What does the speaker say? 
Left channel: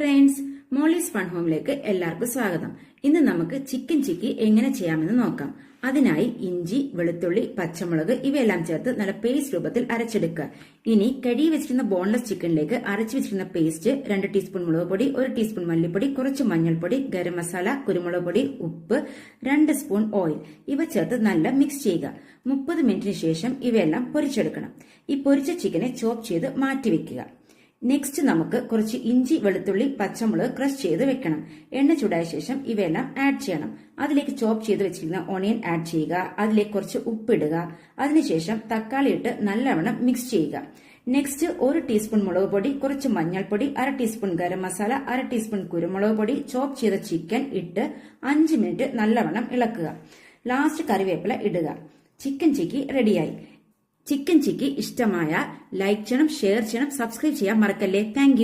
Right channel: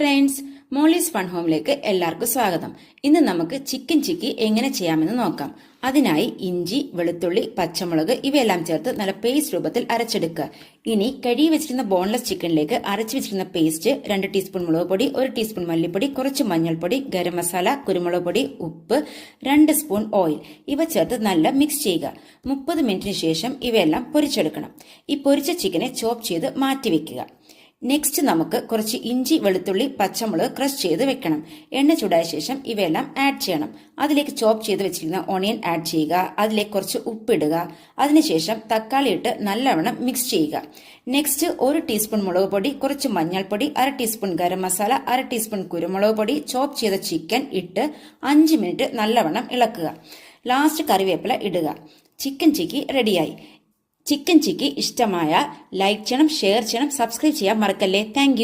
Friends, Molly's fun ഹോമിലേക്ക് എല്ലാവർക്കും സ്വാഗതം. ഇന്ന് നമുക്ക് ചിക്കൻ ചിക്കി എങ്ങനെ ചെയ്യാമെന്ന് നോക്കാം. അതിനായി ഇഞ്ചി, വെളുത്തുള്ളി, പച്ചമുളക് ഇവയെല്ലാം ചേർത്ത് നല്ല പേസ്റ്റ് രൂപത്തിൽ അരച്ചെടുക്കുക. ഇനി കഴുകി വെച്ചിരുന്ന ബോൺലെസ് ചിക്കനിലേക്ക് അരച്ചു വെച്ചിരുന്ന പേസ്റ്റ് 2 ടീസ്പൂൺ മുളക് പൊടി, 1 ടീസ്പൂൺ മല്ലിപ്പൊടി, കുറച്ച് മഞ്ഞൾപ്പൊടി, ഗരം മസാല, കുരുമുളക് പൊടി, ഉപ്പ്, 2 സ്പൂൺ ഓയിൽ ഇവ ചേർത്ത് നല്ല മിക്സ് ചെയ്യുക. 30 മിനിറ്റിന് ശേഷം ഇവയെല്ലാം പൊരിച്ചെടുക്കണം. ഈ പൊരിച്ച ചിക്കനെ ചോപ്പ് ചെയ്ത് മാറ്റിവെക്കുക. നെക്സ്റ്റ് നമുക്ക് കുറച്ച് ഇഞ്ചി, വെളുത്തുള്ളി, പച്ചമുളക് ക്രഷ് ചെയ്ത് വെക്കണം. എണ്ണ ചൂടായ ശേഷം ഇവയെല്ലാം ആഡ് ചെയ്യണം. അതിലേക്ക് ചോപ്പ് ചെയ്ത് വെച്ചിരിക്കുന്ന ഓണിയൻ ആഡ് ചെയ്യുക. അതിലേക്ക് കുറച്ച് ഉപ്പിടുക. അതിനുശേഷം തക്കാളി ഇട്ട് നല്ലവണ്ണം മിക്സ് ചെയ്യുക. നെക്സ്റ്റ് 1 ടീസ്പൂൺ മുളക് പൊടി, കുറച്ച് മഞ്ഞൾപ്പൊടി, 1/2 ടീസ്പൂൺ ഗരം മസാല, 1/2 ടീസ്പൂൺ കുരുമുളക് പൊടി, ചോപ്പ് ചെയ്ത ചിക്കൻ ഇട്ട് 5 മിനിറ്റ് നല്ലവണ്ണം ഇളക്കുക. ലാസ്റ്റ് കറിവേപ്പില ഇടുക. ചിക്കൻ ചിക്കി റെഡിയായി. ചിക്കൻ ചിക്കി ഇഷ്ടമായ ലൈക്ക് ചെയ്യണം, ഷെയർ ചെയ്യണം, സബ്സ്ക്രൈബ് ചെയ്യാൻ മറക്കല്ലേ. താങ്ക്